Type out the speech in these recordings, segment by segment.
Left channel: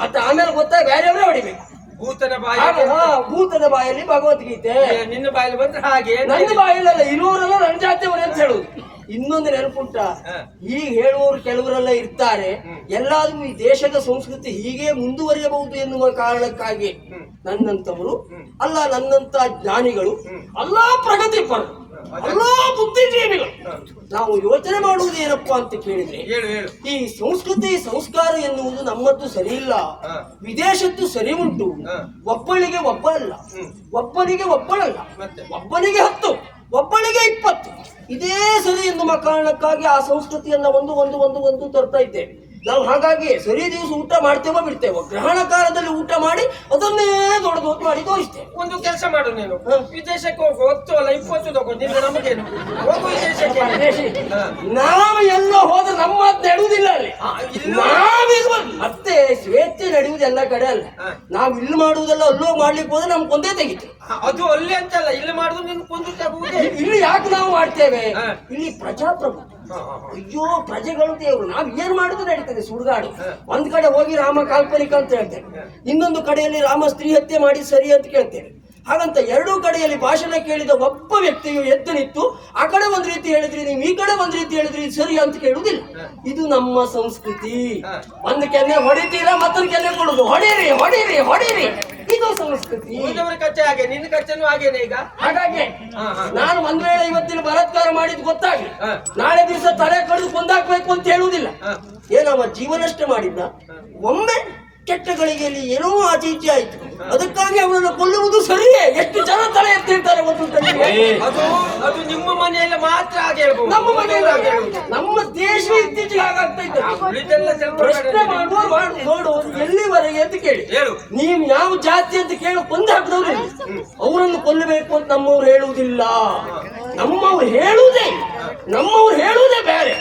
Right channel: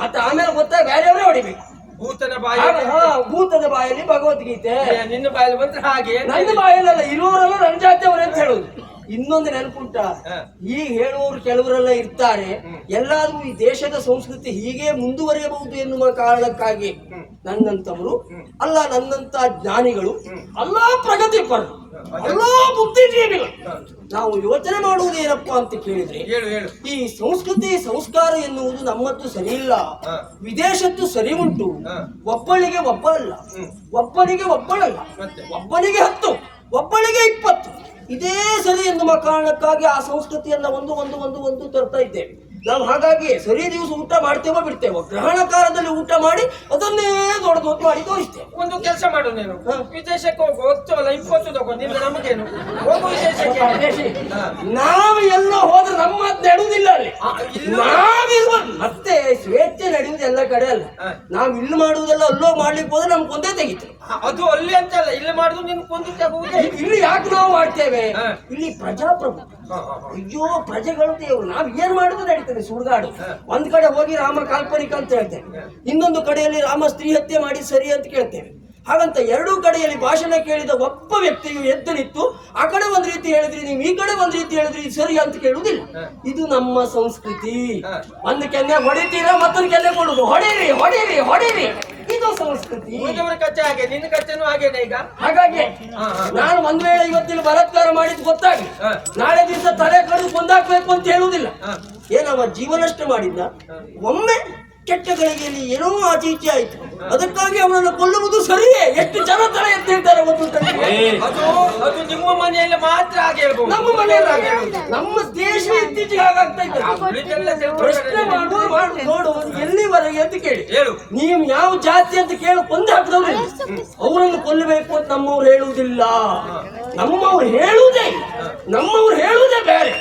ಮತ್ತೆ ಆಮೇಲೆ ಗೊತ್ತಾಗ ಬೇರೆಯವರೇ ಹೊಡಿಬೇಕು. ಭೂತನ ಬಾಯಿ ಹಾ, ಭೂತದ ಬಾಯಲ್ಲಿ ಭಗವದ್ಗೀತೆ. ನಿನ್ನ ಬಾಯಲ್ಲಿ ಬಂದ್ರೆ ಹಾಗೆ ನನ್ನ ಬಾಯಲ್ಲ ಇರುವವರೆಲ್ಲ ನನ್ನ ಜಾತಿಯವರು ಅಂತ ಹೇಳುದು. ಇನ್ನೊಂದು ನೆನಪುಂಟ. ಈಗ ಹೇಳುವವರು ಕೆಲವರೆಲ್ಲ ಇರ್ತಾರೆ. ಎಲ್ಲಾದ್ರೂ ಈ ದೇಶದ ಸಂಸ್ಕೃತಿ ಹೀಗೆ ಮುಂದುವರಿಯಬಹುದು ಎನ್ನುವ ಕಾರಣಕ್ಕಾಗಿ ನನ್ನಂತವರು ಅಲ್ಲ ನನ್ನಂತ ಜ್ಞಾನಿಗಳು ಅಲ್ಲ ಪ್ರಗತಿಪರರು. ಅಲ್ಲ ಬುದ್ಧಿಜೀವಿಗಳು. ನಾವು ಯೋಚನೆ ಮಾಡುವುದು ಏನಪ್ಪ ಅಂತ ಕೇಳಿದ್ರೆ ಹೇಳು ಹೇಳು. ಈ ಸಂಸ್ಕೃತಿ ಸಂಸ್ಕಾರ ಎನ್ನುವುದು ನಮ್ಮದ್ದು ಸರಿ ಇಲ್ಲ. ವಿದೇಶದ್ದು ಸರಿ ಉಂಟು. ಒಬ್ಬಳಿಗೆ ಒಬ್ಬಳಲ್ಲ. ಒಬ್ಬನಿಗೆ ಒಬ್ಬಳಲ್ಲ? ಒಬ್ಬನಿಗೆ ಹತ್ತು ಒಬ್ಬಳಿಗೆ ಇಪ್ಪತ್ತು. ಇದೇ ಸರಿ ಎನ್ನುವ ಕಾರಣಕ್ಕಾಗಿ ಆ ಸಂಸ್ಕೃತಿಯನ್ನ ಒಂದು ಒಂದು ಒಂದು ಒಂದು ತರ್ತಾ ಇದ್ದೇವೆ. ನಾವು ಹಾಗಾಗಿ ಸರಿ ದಿವಸ ಊಟ ಮಾಡ್ತೇವೋ ಬಿಡ್ತೇವೋ ಗ್ರಹಣ ಕಾಲದಲ್ಲಿ ಊಟ ಮಾಡಿ ಅದನ್ನೇ ದೊಡ್ಡ ದೊಡ್ಡ ಮಾಡಿ ತೋರಿಸ್ತೇವೆ. ಒಂದು ಕೆಲಸ ಮಾಡು ನೀನು. ವಿದೇಶಕ್ಕೆ ಹೋಗು ಹತ್ತು ಅಲ್ಲ ಇಪ್ಪತ್ತು ತಗೋ ನಿನ್ನ ನಮಗೇನು? ಹೋಗು ವಿದೇಶಕ್ಕೆ. ನಾವು ಎಲ್ಲ ಹೋದ್ರೆ ನಮ್ಮ ಮಾತು ನಡೆಯುವುದಿಲ್ಲ ಅಲ್ಲಿ. ನಾವಿರುವ ಮತ್ತೆ ಸ್ವೇಚ್ಛೆ ನಡೆಯುವುದು ಎಲ್ಲ ಕಡೆ ಅಲ್ಲ. ನಾವು ಇಲ್ಲಿ ಮಾಡುವುದೆಲ್ಲ ಅಲ್ಲೋ ಮಾಡ್ಲಿಕ್ಕೆ ಹೋದ್ರೆ ನಮ್ಗೆ ಒಂದೇ ತೆಗಿತು. ಅದು ಅಲ್ಲಿ ಅಂತಲ್ಲ ಇಲ್ಲಿ ಮಾಡುದು ನೀನು ಕೊಂದು ಇಲ್ಲಿ ಯಾಕೆ ನಾವು ಮಾಡ್ತೇವೆ? ಇಲ್ಲಿ ಪ್ರಜಾಪ್ರಭು ಅಯ್ಯೋ ಪ್ರಜೆಗಳು ದೇವರು. ನಾವ್ ಏನ್ ಮಾಡುದು ನಡೀತದೆ ಸುಡುಗಾಡು? ಒಂದ್ ಕಡೆ ಹೋಗಿ ರಾಮ ಕಾಲ್ಪನಿಕ ಅಂತ ಹೇಳ್ತೇವೆ. ಇನ್ನೊಂದು ಕಡೆಯಲ್ಲಿ ರಾಮ ಸ್ತ್ರೀ ಹತ್ಯೆ ಮಾಡಿ ಸರಿ ಅಂತ ಕೇಳ್ತೇವೆ. ಹಾಗಂತ ಎರಡೂ ಕಡೆಯಲ್ಲಿ ಭಾಷಣ ಕೇಳಿದ ಒಬ್ಬ ವ್ಯಕ್ತಿಯು ಎದ್ದು ನಿಂತು ಆ ಕಡೆ ಒಂದ್ ರೀತಿ ಹೇಳಿದ್ರಿ ನೀವು ಈ ಕಡೆ ಒಂದ್ ರೀತಿ ಹೇಳಿದ್ರಿ ಇದು ಸರಿ ಅಂತ ಕೇಳುವುದಿಲ್ಲ. ಇದು ನಮ್ಮ ಸಂಸ್ಕೃತಿ. ಒಂದ್ ಕೆನ್ನೆ ಹೊಡಿತೀರಾ ಮತ್ತೊಂದು ಕೆನ್ನೆ ಕೊಡುದು. ಹೊಡೀರಿ ಹೊಡೀರಿ ಹೊಡೀರಿ. ಇದು ಸಂಸ್ಕೃತಿ. ಕಚ್ಚೆ ಹಾಗೆ ನಿನ್ನ ಕಚ್ಚೆನೂ ಹಾಗೇನೆ ಈಗ? ಹಾಗಾಗಿ. ನಾನು ಒಂದ್ ವೇಳೆ ಇವತ್ತಿನ ಬಲತ್ಕಾರ ಮಾಡಿದ್ ಗೊತ್ತಾಗಿ. ನಾಳೆ ದಿವಸ ತಲೆ ಕಡಿದು ಮುಂದಾಕ್ಬೇಕು ಅಂತ ಹೇಳುವುದಿಲ್ಲ. ಏನವ ಜೀವನಷ್ಟ ಮಾಡಿದ್ನ? ಒಮ್ಮೆ ಕೆಟ್ಟ ಗಳಿಗೆಯಲ್ಲಿ ಏನೋ ಆಚೆ ಈಚೆ ಆಯ್ತು. ಅದಕ್ಕಾಗಿ ಅವನನ್ನು ಕೊಲ್ಲುವುದು ಸರಿಯೇ? ಎಷ್ಟು ಜನ ತಲೆ ಎತ್ತಿರ್ತಾರೆ ಒಂದು ಅದು ಅದು ನಿಮ್ಮ ಮನೆಯಲ್ಲಿ ಮಾತ್ರ ಹಾಗೆ ಹೇಳ್ಬೋದು. ನಮ್ಮ ಮನೆಯಲ್ಲಿ ಆಗಿರ್ಬೋದು. ನಮ್ಮ ದೇಶ ಇತ್ತೀಚೆಗೆ ಹಾಗಾಗ್ತಾ ಇತ್ತು ಪ್ರಶ್ನೆ ಮಾಡುವ ಮಾಡು ನೋಡು ಎಲ್ಲಿವರೆಗೆ ಅಂತ ಕೇಳಿ. ಹೇಳು. ನೀವು ಯಾವ ಜಾತಿ ಅಂತ ಕೇಳು ಕೊಂದು ಹಾಕಿದವ್ರು ಅವರನ್ನು ಕೊಲ್ಲಬೇಕು ಅಂತ ನಮ್ಮವ್ರು ಹೇಳುವುದಿಲ್ಲ. ನಮ್ಮವ್ರು ಹೇಳುವುದೇ ಇಲ್ಲ. ನಮ್ಮವ್ರು ಹೇಳುವುದೇ ಬೇರೆ.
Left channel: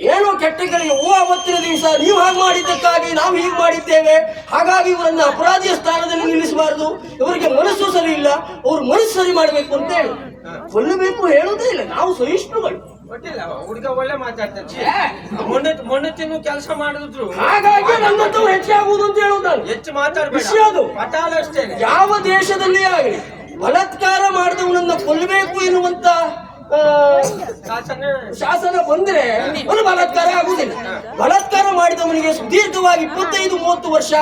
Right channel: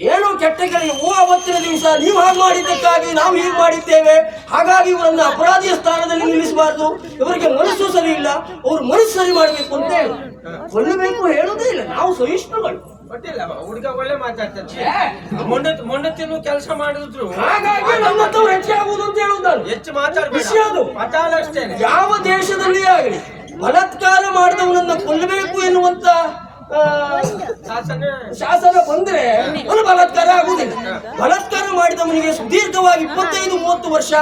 ಏನೋ ಕೆಟ್ಟಗಳಿಗೆ ಓ ಅವತ್ತಿನ ದಿವಸ ನೀವು ಹಾಗೆ ಮಾಡಿದ್ದಕ್ಕಾಗಿ ನಾವು ಹೀಗೆ ಮಾಡಿದ್ದೇವೆ. ಹಾಗಾಗಿ ಇವರನ್ನು ಅಪರಾಧಿಯ ಸ್ಥಾನದಲ್ಲಿ ನಿಲ್ಲಿಸಬಾರದು. ಇವರಿಗೆ ಮನಸ್ಸು ಸರಿ ಇಲ್ಲ. ಅವ್ರು ಮನಸ್ಸು ಸರಿ ಮಾಡಬೇಕು ಅಂತ ಹೇಳಿ. ಕೊಲ್ಲಬೇಕು ಹೇಳುವುದೇ ಇಲ್ಲ. ನಾವು ಸಹಿಷ್ಣುಗಳು. ಗೊತ್ತಿಲ್ಲ ಹುಡುಗ ಒಳ್ಳೆ ಮಾತಾಡ್ತಾನೆ. ಕೆಲಸ ಮಾಡಿದ್ರು. ಹಾಗಾಗಿ ನನ್ನಂತವ್ರು ಹೆಚ್ಚಾಗುವುದು ಅಂತ ಹೆಚ್ಚು ಅದು. ಯಾವ ದೇಶದಲ್ಲಿ ಆಗಲಿ ಬಲತ್ಕಾರ ಮಾಡಿದವನನ್ನ ಕೊಲ್ಲಬೇಕು ಎನ್ನುವಂತ ಶಾಸನ ಬಂದ್ರೆ ಅವನು ಬಲಾತ್ಕಾರ ಆಗುವುದಿಲ್ಲ. ಬಲಾತ್ಕಾರ ಮಾಡಿದವನಿಗೆ ಸುದೀರ್ಘವಾಗಿ ಇಪ್ಪತ್ತೈದು, ಮೂವತ್ತು ವರ್ಷ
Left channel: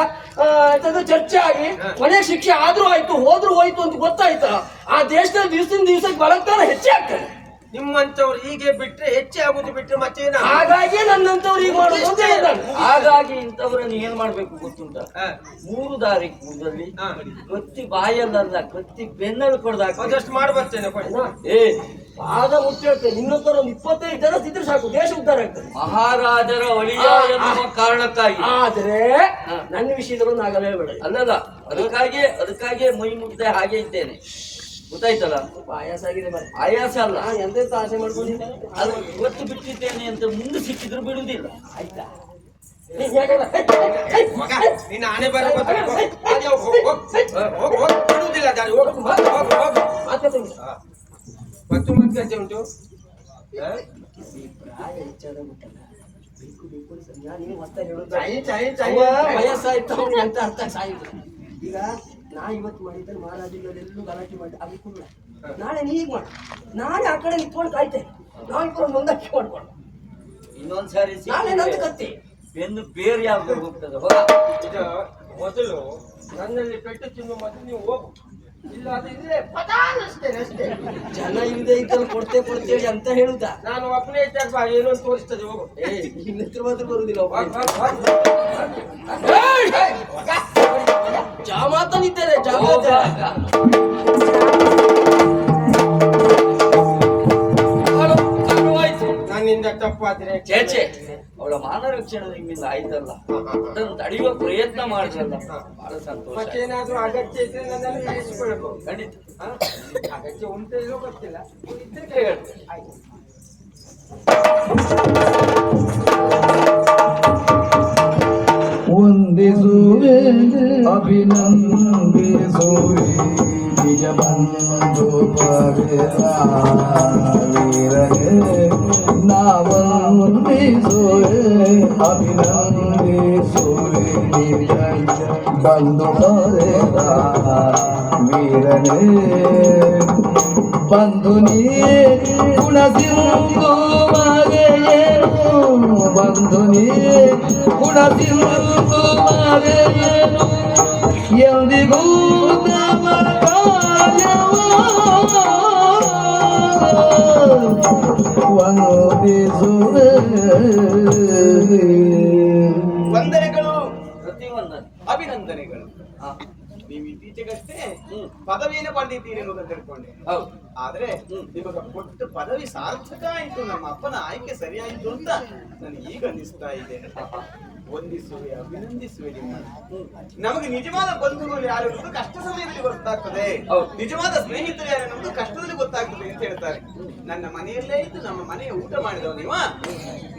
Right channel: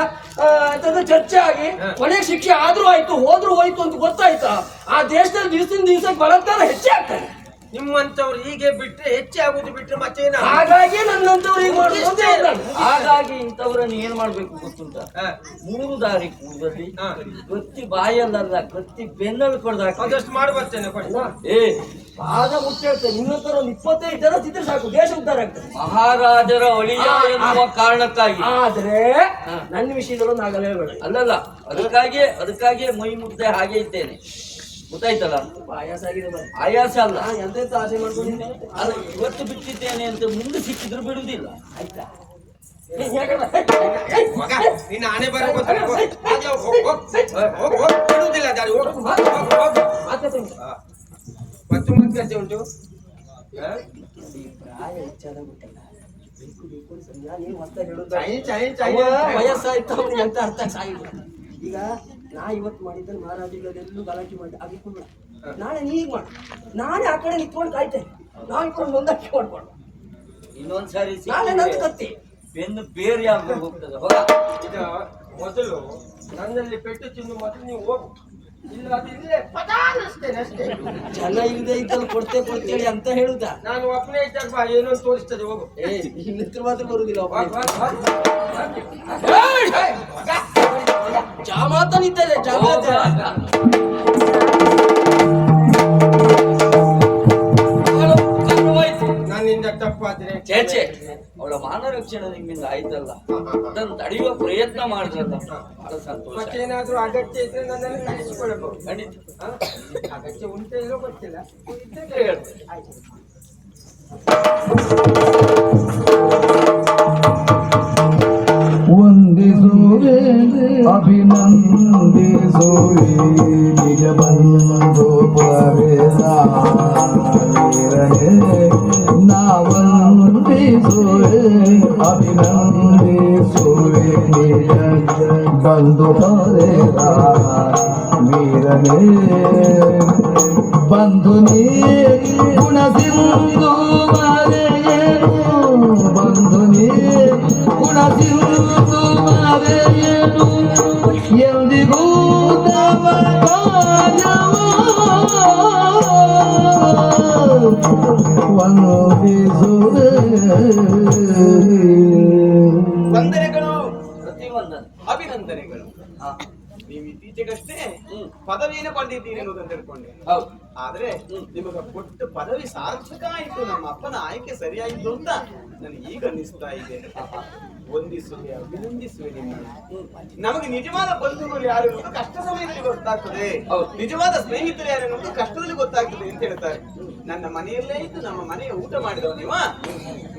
ಚರ್ಚೆ ಆಗಿ ಕೊನೆಗೆ ಶಿಕ್ಷೆ ಆದ್ರೂ ಆಯ್ತು, ಹೋದ್ರೂ ಹೋಯ್ತು ಅಂತ ಗೊತ್ತಾಯ್ತಾ? ಆ ದೇಶದಲ್ಲಿ ದಿವಸದಿಂದ ದಿವಸಕ್ಕೆ ಬಲಾತ್ಕಾರ ಹೆಚ್ಚೇ ಆಗ್ತದೆ. ನಿಮ್ಮಂತವ್ರು ಹೀಗೆ ಬಿಟ್ರೆ ಹೆಚ್ಚೆ ಆಗುದು ಬಿಟ್ರೆ ಮತ್ತೆ ಹಾಗಾಗಿ ನನ್ನಂತವ್ರು ಈಗ ಮಾಡೋದು. ಹಾಗಾಗಿ ಇಂಥವ್ರನ್ನ ಏನ್ ಮಾಡ್ಬೇಕು ಗೊತ್ತುಂಟ. ಮೂರು ದಾರಿ ಕೂದಲ್ಲಿ. ಕತ್ತಿ ಬಾಯಲ್ಲಲ್ಲ ಕತ್ತಿ ಬೆನ್ನಲ್ಲಿ ಕೊಡ್ದಾಕ ಅದಷ್ಟು ಮಾಡಿ ಬರ್ತೇನೆ ಕೊಡಿ. ಅಣ್ಣ, ಏ ಆಗ ಮುಚ್ಚೇಳ್ತೇನೆ ನಿನ್ನಂತರ ಒಂದು ಇಪ್ಪತ್ತೈದು ಜನ ತಿಂದ್ರೆ ಸಾಕು. ದೇಶ ಉದ್ಧಾರ ಆಗ್ತದೆ. ಮಹಾರಾಜರ ಒಳಿಯ. ಎನ್ನುವ ಕಾರಣಕ್ಕಾಗಿ. ಆದ್ರೆ ನನ್ನ ವಿಷಯದಲ್ಲಿ ಒಂದು ಆಗಲೇ ಬೇಡ ಅಲ್ಲಲ್ಲ ಅದಕ್ಕಾಗಿ ಅದಕ್ಕಾಗಿಯೇ ಮೈ ಮುಗ್ದೆ ಹಾಗೆ ಇದ್ದೇನೆ. ಗೊತ್ತಾಯ್ತಲ್ಲ? ಸ್ವಲ್ಪ ಆಯಾಸ ಆಗಿದೆ. ಆಯಾಸ ಅಲ್ಲ. ಎಂತ ಆಸೆ ಮಾಡ್ಕೊಂಡಿದ್ದೇನೆ ಅದು ಇವತ್ತು ಬಿಟ್ಟಿದ್ದೇನೆ ಅಂತ ಮುಂದೆ ಸಿಕ್ಕಿದ್ರು ಬಿಡುವುದಿಲ್ಲ. ಆಯ್ತಾ? ಏ, ಯಾಕಂದ್ರೆ- ಮಗ ನಿನ್ನ ಆನೆ ಬರ ಹೋಗ್, ಹಾಗೆ ಹೋಗ್, ಹೋಗ್, ಹೋಗ್, ಹೋಗ್, ಹೋಗ್, ಬಿಡುವುದಿಲ್ಲ ದಾರಿ. ಹೋಗ್. ಮತ್ತು ಮತ್ತೆ ಉಂಟು? ಪ್ರಾಯ ಉಂಟಲ್ಲ, ಬೇಕು ಬೇಕು ಅಂತ ನಾನು ಏನು ಹೇಳೋದು ಅಂತ. ವಯಸ್ಸಾಯ್ತು ಅವ್ನಿಗೆ ಅಂತ ಅರ್ಥ ಸಾಯಿಲ್ಲ ಈಗ ನಾ ಇವತ್ತು ಮಾಡಿದ್ದನ್ನು ಮಹಾರಾಜಗಳೆಲ್ಲೂ ಗಲಾಟೆ ಮಾಡಿ ಅದಕ್ಕೂ ಬೇಡ ನಾಳೆ ನೀ ಈಗ ಮಾಡು. ನಾನೇ ಆ ಕಡೆ ನಿಂತ್ಕೊಂಡು ಕಾಯ್ತೇನೆ ನಾನು ಇಟ್ಕೊಂಡು ಒಂದಕ್ಕೆ ಮಾಡ್ಕೊಂಡು ಇನ್ನೊಂದ್ಸಾರಿ ನಾಳೆ ನಂದು ಕತ್ತಿ. ಬೆನ್ನು ಬೇರೆ ಆಗಿ ಹೋಗ್ತದೆ. ಹೋಗ. ಇದು ಮೊದಲು ನನ್ನಲ್ಲಿ ಪೆಟ್ಟು ತಿನ್ನು ಮತ್ತೆ ನೀವು ಹೋಗು. ಇಲ್ಲ ಅದಿದ್ರೆ ಪಟಾನ್ ಅಷ್ಟೇನೆ ಅಷ್ಟೇ. ಜನ ಇಲ್ಲದೆ ಇದ್ದಲ್ಲಿ ಕೊಡ್ತೇ ಕೊಡ್ತೇಳಿ ಅಂತ ಹೇಳುದ. ನಾನು ಒಬ್ಬನೇ ಇದ್ದಾಗ ಬಾ ಏನೋ ಒಂದು ತೋರಿಸ್ತದೆ ಹೋಗು. ಏ ಇನ್ನಿತ್ರ ಮಾತ್ರ ಬರುದಿಲ್ಲ ಜಾಮಾತನಿದ್ದಾರೆ ಜಾಮಾತ ನನ್ನಿಂದ ತಪ್ಪಾದ್ರೆ ಚೇಚೆ ಅವಳ ಮಾನ ರಕ್ಷಣೆ ನಿಮ್ಮಿಂದ ಆಯ್ತಲ್ಲ? ಅದನ್ನು ತಡೆಯುವ ಪ್ರಯತ್ನ ಮಾಡಿದ್ರಲ್ಲ ಬಹಳ ಸಂತೋಷ ಏನಾದ್ರೂ ಅಗತ್ಯ ಇದ್ರೆ ನನ್ನಲ್ಲಿ ಇರಿಸಿಕೊಳ್ಳಬಹುದು ಖಂಡಿತ. ಹ? ಅಗತ್ಯ ಉಂಟು ಇಲ್ಲೋ ಗೊತ್ತಿಲ್ಲ. ಇದ್ರೆ ಹೇಳ್ತೇನೆ. ಆಯ್ತು. ವಂದಿಸುವೆ ಅಭಿನಂದಿಸುವೆ ನಿಜ ಬಂಧು ಪವಿರಾವೀರನೇ ನಾ ವಂದಿಸುವೆ ಅಭಿನಂದಿಸುವೆ ನಿಜ ಬಂದು ಪಡೆದ ವೀರನೇ ಬಂದು ನೀ ಗುಣಸಿಂಧು ವಂದಿಸುವೆ ಅಭಿನಂದನೆಗಳು ನೀವು ಇತ್ತೀಚೆಗಷ್ಟೇ. ಪದವಿಯನ್ನು ಪಡೆದಿದ್ದೀರಿ ಅನ್ನೋದನ್ನು ತಿಳ್ಕೊಂಡೆ. ಹೌದು. ಆದ್ರೆ ನಿಮಗೆ ಕೊಟ್ಟ ಪದವಿ ಸಾರ್ಥಕ ಆಯಿತು ನಮ್ಮ ಅಪ್ಪನ ಆಯ್ಕೆ ಸರಿಯಾಯಿತು ಅಂತ ನನಗೆ ಈಗ ಅನ್ನಿಸ್ತಾ ಇದೆ. ವಂದಿಸುವೆ ಅಭಿನಂದಿಸುವೆ ನಿಮ್ಮನ್ನು. ನಮಗೆ ನಿಜವಾದ ಬಂಧುಗಳು ಯಾರು ಅನ್ನೋದು ಕಷ್ಟ ಸಮಯದಲ್ಲಿ ಗೊತ್ತಾಗ್ತದೆ. ನಿಜವಾದ ಸ್ನೇಹಿತರು ಯಾರು ಅನ್ನೋದು ಕಷ್ಟದಲ್ಲಿ ಗೊತ್ತಾಗ್ತದೆ ಅಂತ ಹೇಳ್ತಾರೆ. ನನ್ನ ಮನೆಯಲ್ಲೇ ಇದ್ದು ನಮ್ಮ ಮನೆಯ ಊಟ ಮಾಡಿದವ ನೀವ?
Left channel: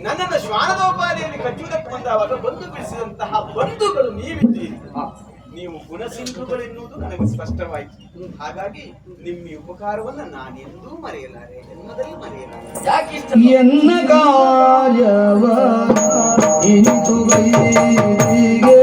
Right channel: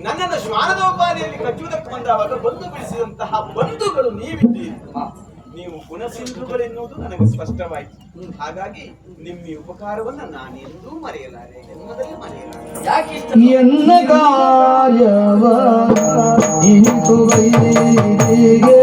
ನನ್ನನ್ನು ಶ್ವಾನದೋಪಾದಿಯಲ್ಲಿ ಕಚ್ಚುವುದಕ್ಕೆ ಬಂದವಾಗ ಬಂಧು ಬಿಡಿಸಿದಂತಹ ಬಂಧುಗಳು ನೀವಿದ್ದೀರಿ. ನೀವು ಗುಣಸಿಂಧುಗಳೆನ್ನುವುದು ನನಗೆ ಸ್ಪಷ್ಟವಾಯಿತು. ಹಾಗಾಗಿ ನಿಮ್ಮ ಉಪಕಾರವನ್ನು ನಾನೆಂದೂ ಮರೆಯಲಾರೆ ಜನ್ಮದಲ್ಲಿ ಮರೆಯಲಾರೆ. ಯಾಕೆ ಇಷ್ಟ ಎನ್ನ ಕಾರ್ಯವ ವೈದಿಗೆ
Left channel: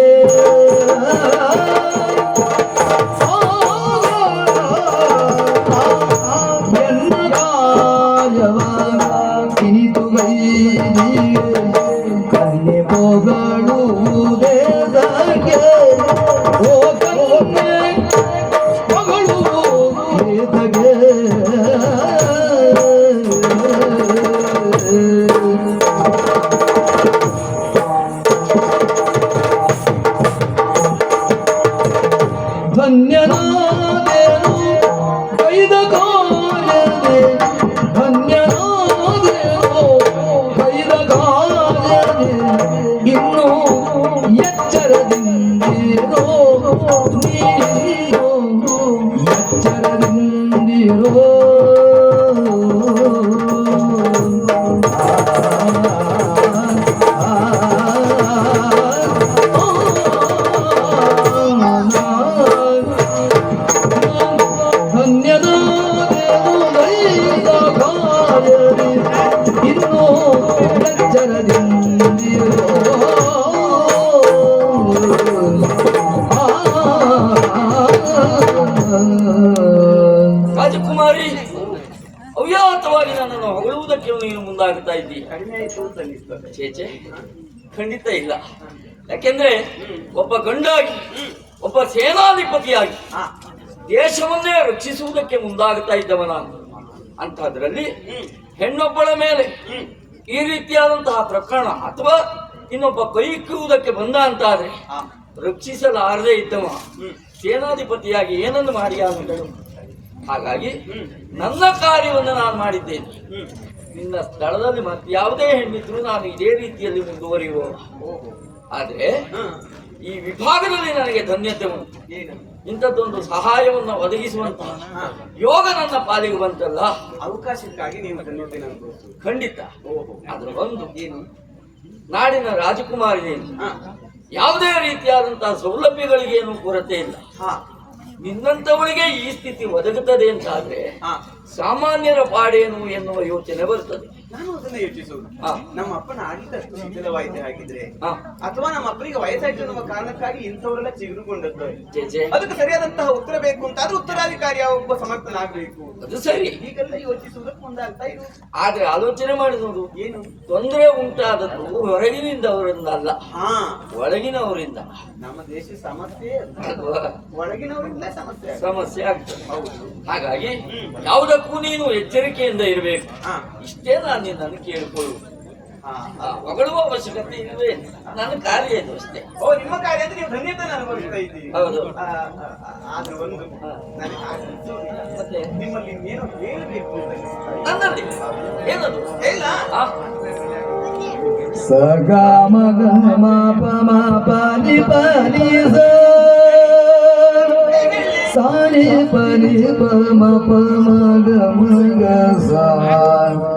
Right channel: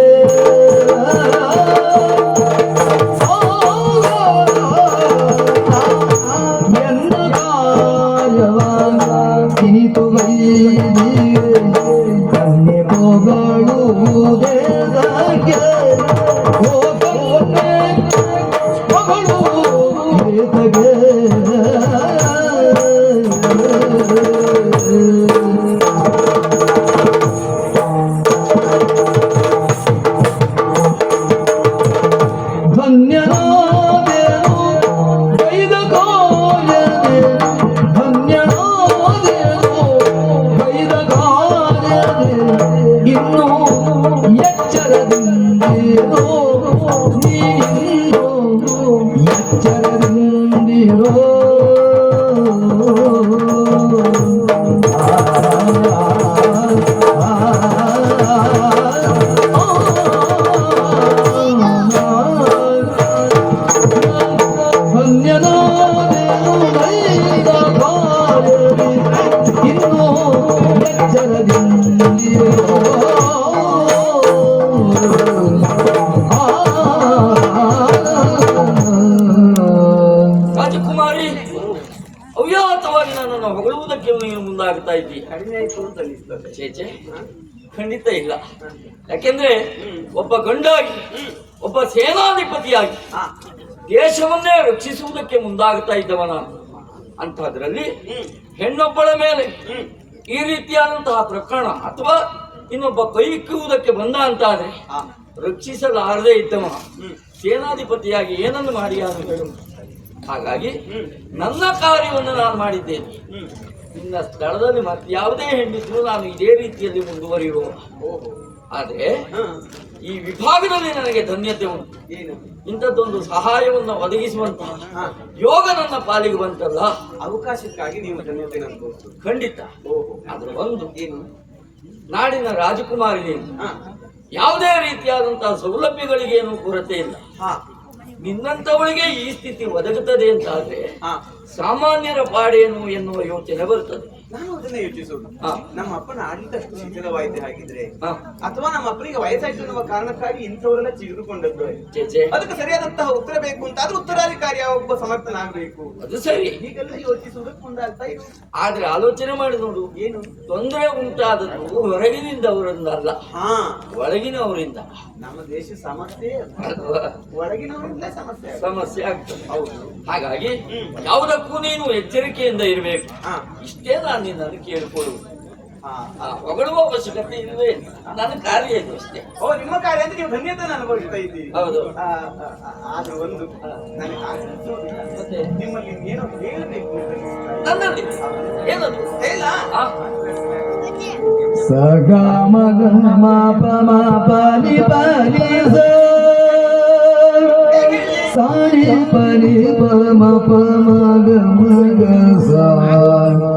ಚೇಚೆ ಖಂಡಿತ ಇಲ್ಲ. ಯಾಕೆಂದ್ರೆ ಒಬ್ಬ ಗಂಡಾಗಿ ಒಬ್ಬ ಸೇನಾಧಿಪತಿಯಾಗಿ ದೇಶವನ್ನೇ ರಕ್ಷಿಸುವುದಕ್ಕೆ ಮುಂದಾಗ್ತಾ ಇದ್ದವ ನಾನು ಅಂಥದ್ರಲ್ಲಿ ಹೆಣ್ಣೊಬ್ಬಳ ಮೇಲೆ ಈ ರೀತಿಯಾದಂತಹ ಪ್ರಕರಣ ಅಥವಾ ಇನ್ನೊಬ್ಬ ಕೈಕ್ಕುವುದಕ್ಕೆ ಬಂದ ಅಂತಾದ್ರೆ ಆದ್ರೆ ರಕ್ಷಿಸಲಾರದೆ ಇದ್ದವ ಸೇನಾಧಿಪತಿಯಾಗಿ ಏನನ್ನು ಮಾಡಿ ಯಾರು ಹಾಗಾಗಿ ನನ್ನ ಕಾರ್ಯವನ್ನು ನಾನು ಮಾಡಿದ್ದೇನೆ. ನಿನ್ನ ಸ್ಥಳದಲ್ಲಿ ಮತ್ತೆ ಯಾವುದೇ ಹೆಣ್ಣಿದ್ರು ನಾನು ಇದೇ ರೀತಿಯಲ್ಲಿ ಮುಂದುವರಿಯುವ ಓಹೋ. ಆದ್ರೆ ಈ ವಿಭಾಗದಲ್ಲಿ ನನಗೆ ಧನ್ಯತೆ ಉಂಟು. ಏನು? ಇಂಥದ್ದೊಂದು ಸಹಾಯವನ್ನು ಒದಗಿಸುವಂತ ಯೋಗ ನನ್ನ ಪಾಲಿಗೆ ಬಂತಲ್ಲ? ಅವಕಾಶಕ್ಕಾಗಿ ನೀವು ಧನ್ಯತೆ ಖಂಡಿತ. ಓಹೋ. ಅದ್ರ ಒಂದು ಏನು? ನಾಡಿನ ರಾಜಕುಮಾರಿ ಯಾವುದೇ ರೀತಿಯಾದಂತಹ ಸೌಲಭ್ಯಗಳಿಗೇನು ಕೊರತೆ ಇಲ್ಲ. ಹಾ. ನಿನ್ನಂತವಳಿಗೆ ಈ ಸ್ಥಿತಿ ಒದಗುತ್ತದೆ ಅಂತಾದ್ರೆ ಸಾಮಾನ್ಯರ ಪಾಡೇನು ಎನ್ನುವ ಯೋಚನೆ ಬರುತ್ತದೆ. ನಾನು ಅದನ್ನ ಯೋಚಿಸುವುದು. ನಮ್ಮ ಅಪ್ಪನ ಆಡಳಿತ ಅಷ್ಟು ಶಿಥಿಲವಾಯಿತೆ ಹಾಗಿದ್ರೆ ಅಥವಾ ನಮ್ಮ ಅಪ್ಪನಿಗೆ ವಯಸ್ಸಾಯ್ತು ಎನ್ನುವ ಕಾರಣಕ್ಕಾಗಿ ಇಂಥವರೆಲ್ಲ ಚಿಗುರುಕೊಂಡದ್ದು. ಅದಕ್ಕೆ ಸರಿಯಾದಂತಹ ಉತ್ತರ ಬೇಕು ಅಂತ ಆದ್ರೆ ಉತ್ತರಾಧಿಕಾರಿ ಒಬ್ಬ ಸಮರ್ಥನಾಗಬೇಕು ಅದು ಸರಿ. ಹೀಗೆಲ್ಲ ಯೋಚಿಸುವುದಕ್ಕೆ ಮುಂದಾಗ್ತಾ ಇದೆ ಆದ್ರೆ ಆಲೋಚನೆ ಮಾಡಿದವರು ನೋಡು. ಏನು? ತೊಂದರೆ ಉಂಟಾದದ್ದು ಅಲ್ಲ ಹಾ. ಒಳಗಿನವರಿಂದ. ನಮ್ಮ ದೇಶ ಸಮಸ್ಯೆ ಒಳಗಿನವರಿಂದ ಸಮಸ್ಯೆ. ಸಮಸ್ಯೆ ಆಗ್ತದೆ. ಹೌದು. ಹಾಗಾಗಿ ಯಾವುದಕ್ಕೂ ನೀನು ಎಚ್ಚರಿಕೆಯಿಂದ ಇರಬೇಕು. ಇಷ್ಟೇ ನಾನು ನಿನ್ನನ್ನು ಕೇಳಿಕೊಳ್ಳುವುದು ಹೊಗಳುವ ಅವಶ್ಯಕತೆ ಇಲ್ವೇ. ನನ್ನ ಕಾರ್ಯ ಇದು ಅಷ್ಟೇ. ಓ ನಿಮ್ಮ ಕಾರ್ಯ ಅಂದ್ರೆ ನೀವು ಧನ್ಯತೆ ಅನುಭವಿಸ್ತಾ ಇದ್ದೀವಿ ಹೌದು. ಆದ್ರೆ ಒಂದು ನನಗೆ ಅನಿಸುವುದಿಲ್ಲ. ಮತ್ತೆ? ನಿಮ್ಮಲ್ಲಿ ಏನೋ ಹೇಳಬೇಕು ಅಂತ. ನನ್ನಲ್ಲಿ? ಏನದು? ಹೇಳ. ಆ, ಸ ಗ ಮ ಗ ಮ ಪ ಮ ಪ ನಿ ಪ ನಿ ಸ ಸ ನಿ ಪ ನಿ ಪ ಮ ಪ ಮ ಗ ಮ ಗ ಸ.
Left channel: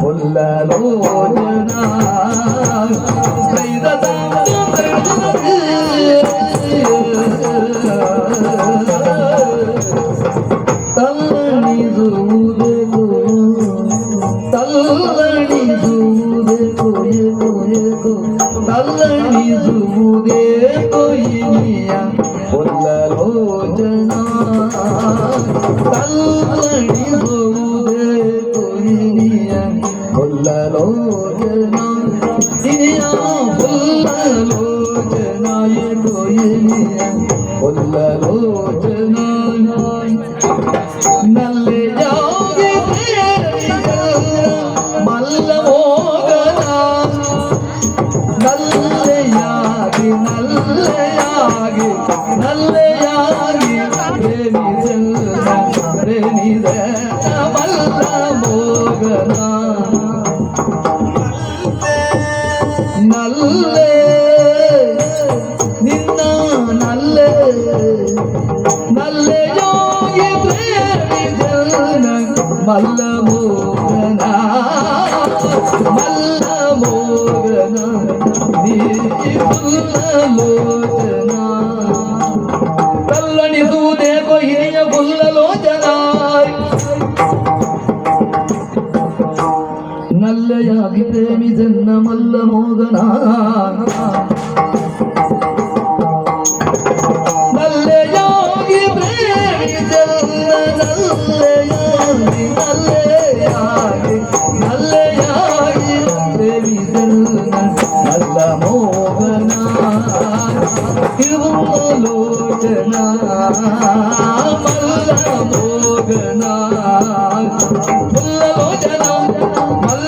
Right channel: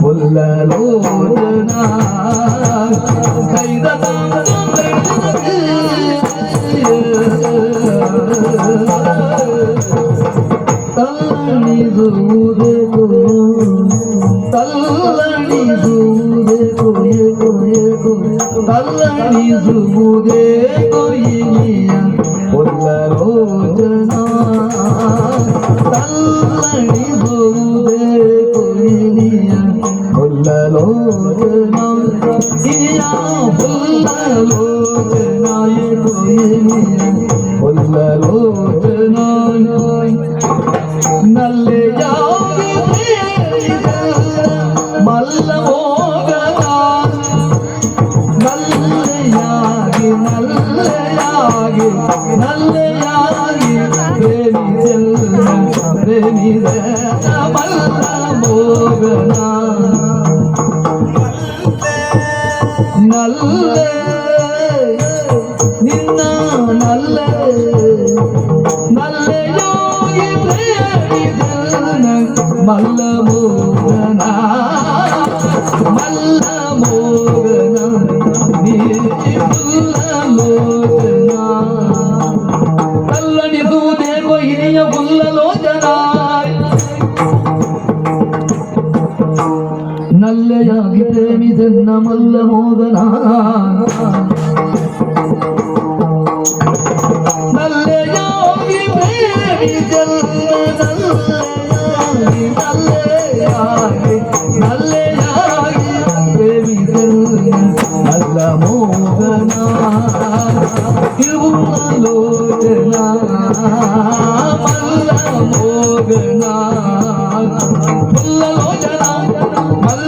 புல்ல நூறு நான்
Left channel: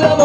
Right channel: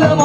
love.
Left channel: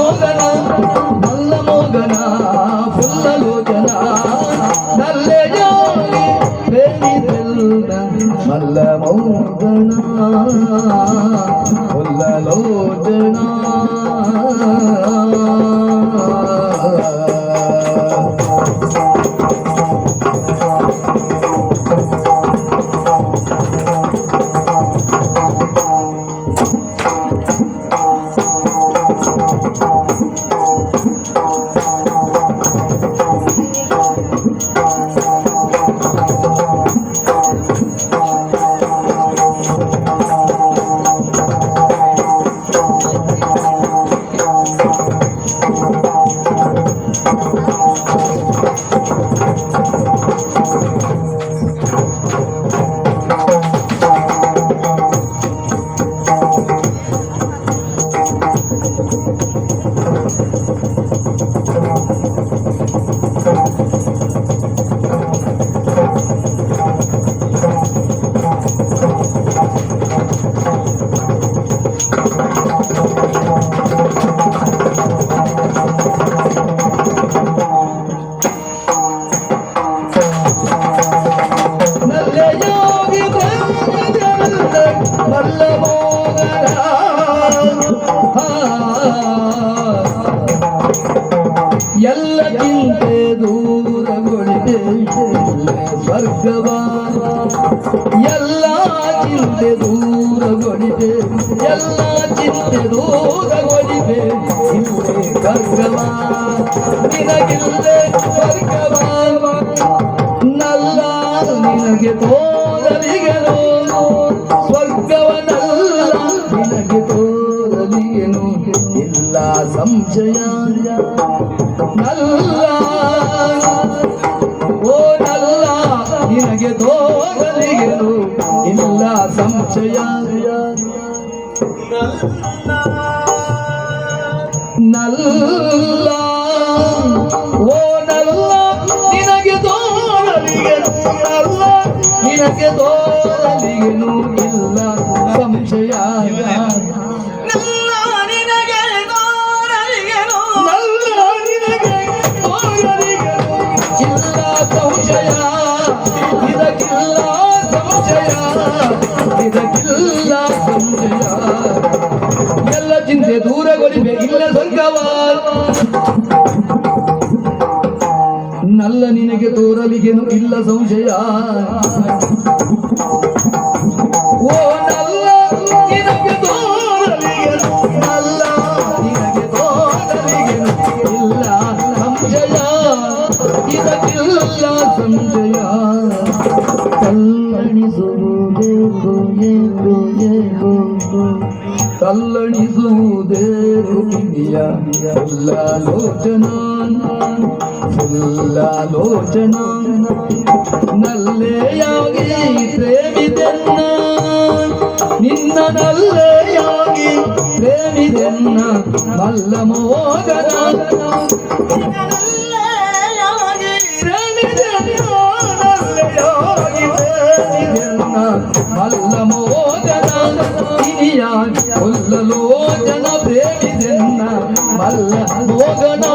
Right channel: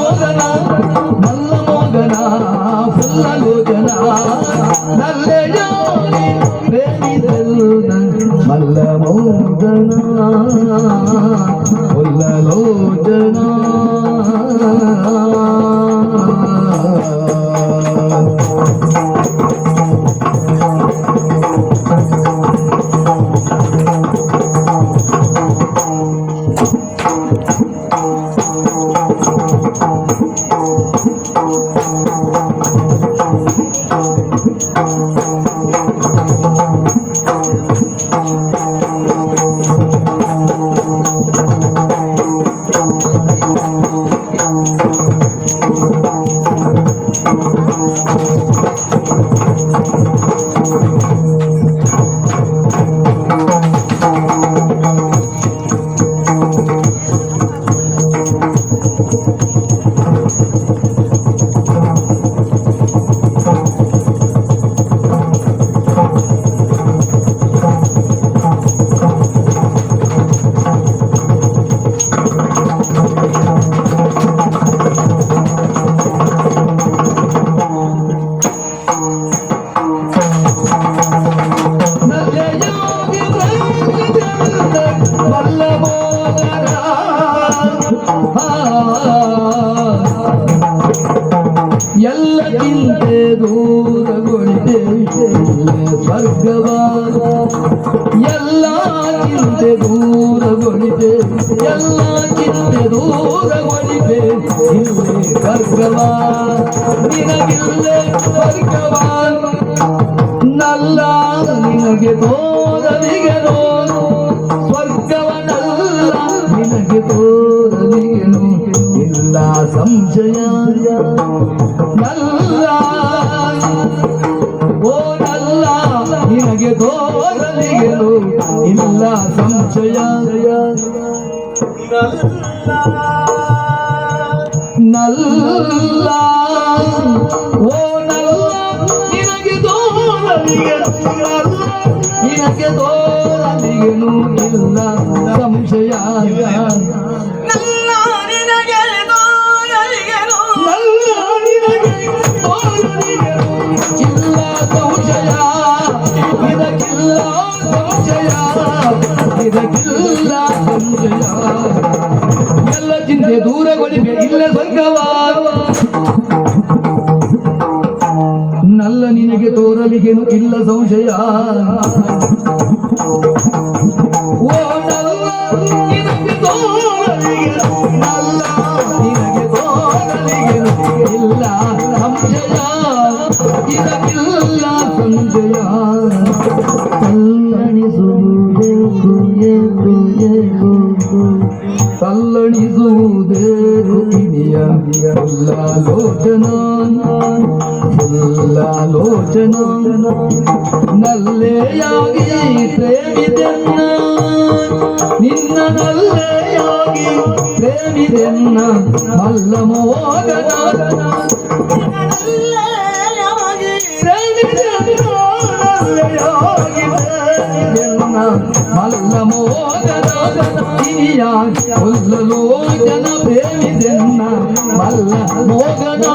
ಚಿತ್ತದೂರ ಒಳಿದೆ ಇವರೇ ಕರ್ಗವಾ ನಿನಗಿಲ್ಲೇ ಕರ್ಗವಾ ನಲ್ಲ ನಿನಗೆ ತೋ 人啊。ತಲ್ಲಣಿಸುವುದೇಕು ಇನಿಯ ಲೋಚನ ಲೋಚನ ನಲ್ಲೆಯಾಗಿ ಪ್ರೇಮಿದೆನ್ನ ನಿನ್ನ ನಲ್ಲೆಯಾಗಿ ಪ್ರೇಮಿದೆನ್ನ ಮಲ್ಲ ಮೋಗನ ಮಲ್ಲ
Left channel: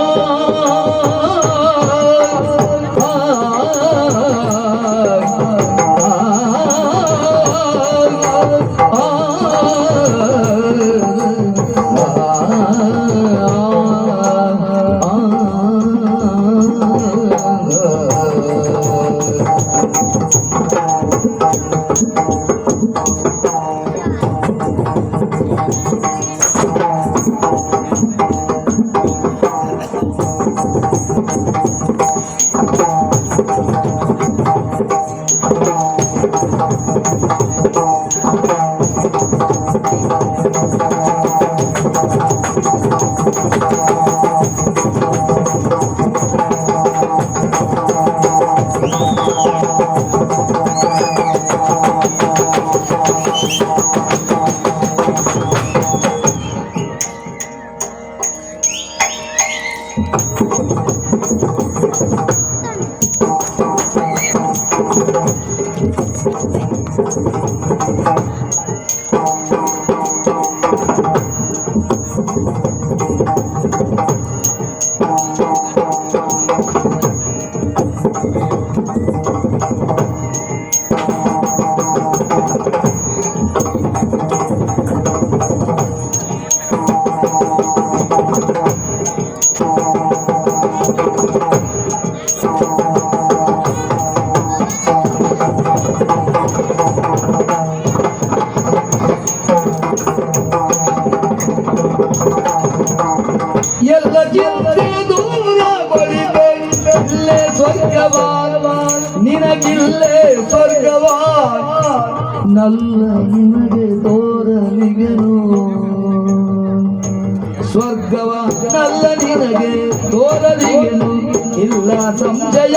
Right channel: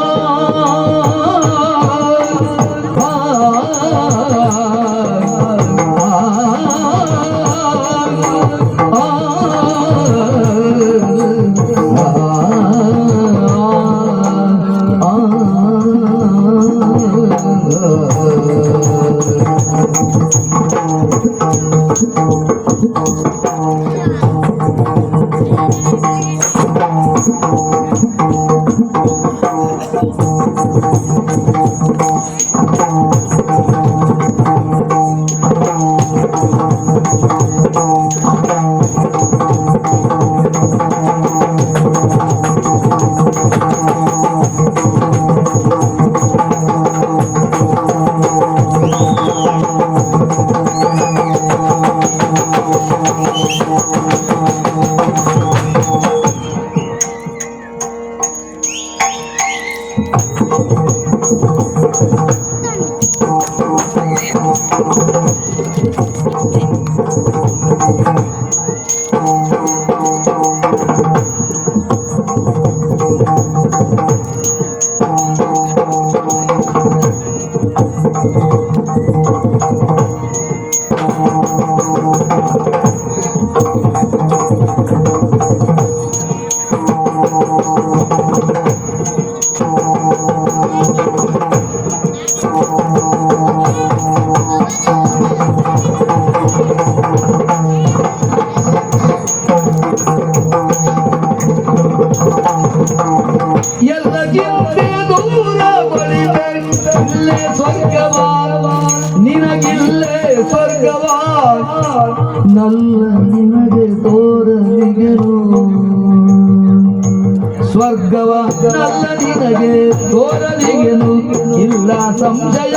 ನಲ್ಲ ನಿನಗೆ ತೋರಲಿಗೆನು ಇಲ್ಲ ಸಂಶಯ.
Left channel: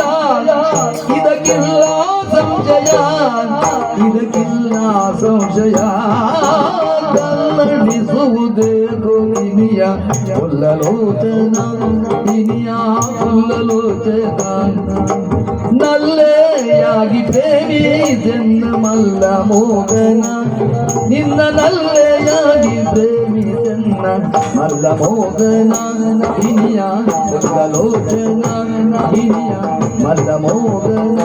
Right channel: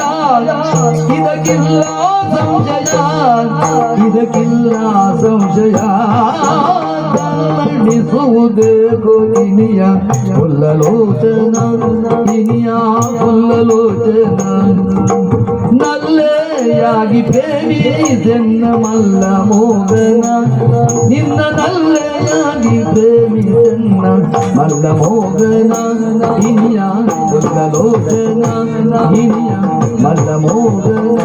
ಇದಕ್ಕಿಲ್ಲ ಸಂಶಯ. ಇದಕ್ಕಿಲ್ಲ ಸಂಶಯ. ಕನ್ನಡಿಸುವುದೇಕು ಇನಿಯ ಕೊಲ್ಲಲೋಚನ ಇನಿಯ ಕೊಲ್ಲಲೋಚನ. ನಲ್ಲೆಯಾಗಿ ಪ್ರೇಮಿದೆನ್ನ ಮಲ್ಲ ಮೋದನ ನಿನ್ನ ನಲ್ಲೆಯಾಗಿ ಪ್ರೇಮಿದೆನ್ನ ಮಲ್ಲ ಮೋದನ ಹಿನಿಯ ಲೋದನ ಹಿನಿಯ ಮಲ್ಲ ಮೋದನ